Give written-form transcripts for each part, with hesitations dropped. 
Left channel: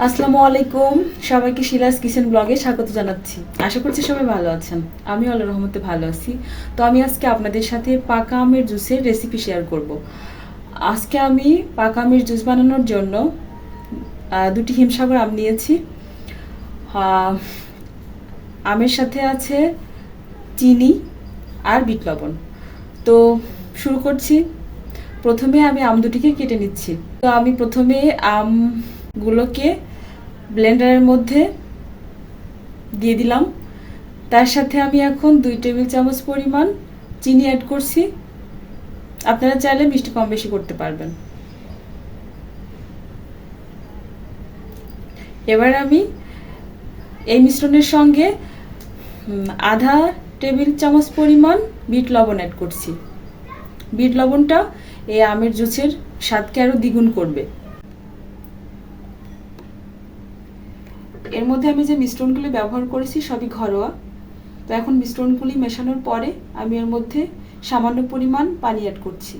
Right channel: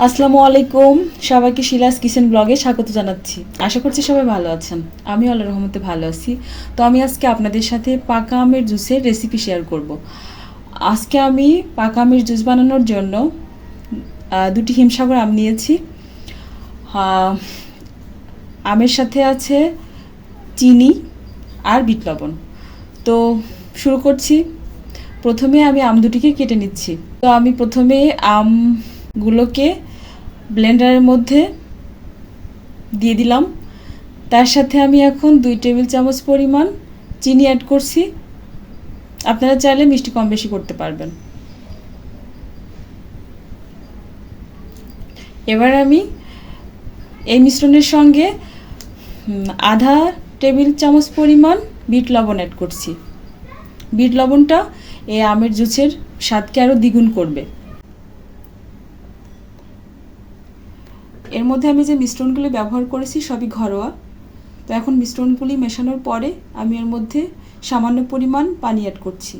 আসসালামু আলাইকুম, সবাইকে শিলাস কিচেন ব্লগে স্বাগত জানাচ্ছি। আশা করছি সবাই ভালো আছেন। আমি আল্লাহর রহমতে ভালো আছি। তো আমি আজকে আপনাদের সাথে পাকা আমের জুসের রেসিপি শেয়ার করব। আজকে আমি পাকা আমের জুস বানানোর জন্য দুটি হিমসাগর আম নিয়েছি। আমের সাথে আছে চিনি আর বিট লবণ। তো শুরু করছি। প্রথমে আমি আম দুটিকে কেটে নিচ্ছি। তো আমি প্রথমে আমগুলোকে ব্লেন্ডারের মধ্যে দিয়ে দিলাম। তার সাথে আমি এখন 2 টেবিল চামচ পরিমাণ চিনি অ্যাড করছি। আপনারা চাইলে মিষ্টি কম বেশি করতে পারবেন। এবার আমি এই মিশ্রণের সঙ্গে আধা টেবিল চামচ পরিমাণ বিট লবণ অ্যাড করছি। বিট লবণটা এই আমের জুসের স্বাদকে আরও দ্বিগুণ করবে। এর মধ্যে আমি যে মিশ্রণগুলি ব্যবহার করেছি সবই ঘরোয়া। তো এখন মিশ্রণগুলি মেশানোর পরে আমি এর মধ্যে সামান্য পরিমাণ পানি অ্যাড করছি,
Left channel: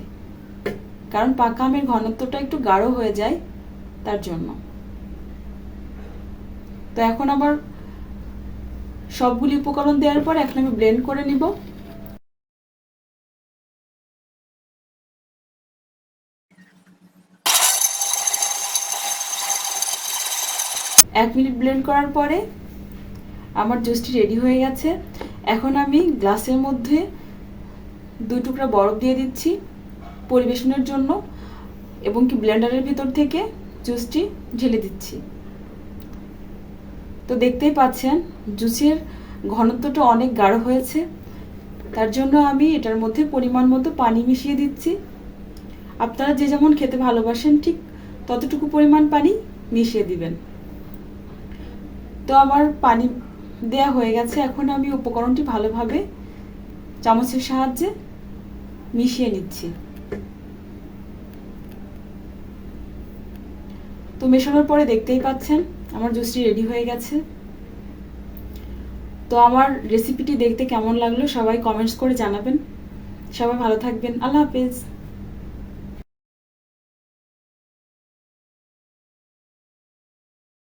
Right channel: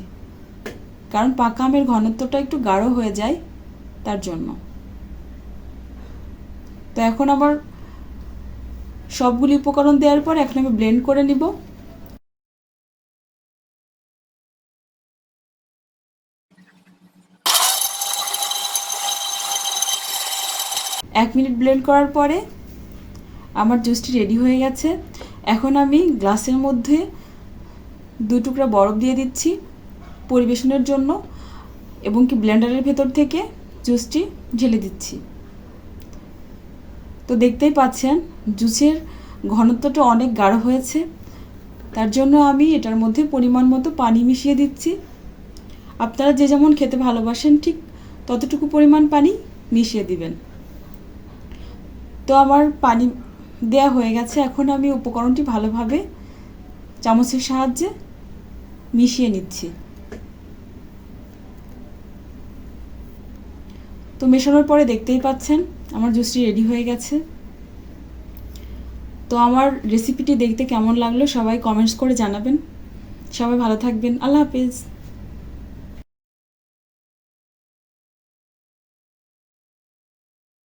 কারণ পাকা আমের ঘনত্বটা একটু গাঢ় হয়ে যায় তার জন্য। তো এখন আবার সবগুলি উপকরণ দেওয়ার পর এখন আমি ব্লেন্ড করে নিব। এক মিনিট ব্লেন্ড করার পরে আমার জুসটি রেডি হয়ে গেছে। এখন আমি গ্লাসের মধ্যে 2 টুকরা বরফ দিয়ে দিচ্ছি পরিবেশনের জন্য, এবং কি ব্লেন্ডারের ভেতর থেকে জুসটি ঢেলে দিচ্ছি। তো দেখতেই পাচ্ছেন জুসের ঘনত্বটা অনেক গাঢ় হয়েছে। তার জন্য আমি এটার মধ্যে পরিমাণ মতো পানি মিশিয়ে দিচ্ছি। আপনারা যে যেমন খেতে ভালোবাসেন ঠিক ততটুকু পরিমাণ পানি মিশিয়ে দিবেন। তো আমার পানি দেয়া হয়ে গেছে। এখন আমি উপকরণটি ভালোভাবে চামচের সাহায্যে মিশিয়ে নিচ্ছি। তো মেশানোর পরে দেখতেই পাচ্ছেন আমার জুসটি রেডি হয়ে গেছে। তো আমার রেসিপিটি দেখতে কেমন লাগলো সবাই কমেন্টস করে জানাবেন। সবাই ভালো থাকবেন। আল্লাহ হাফেজ।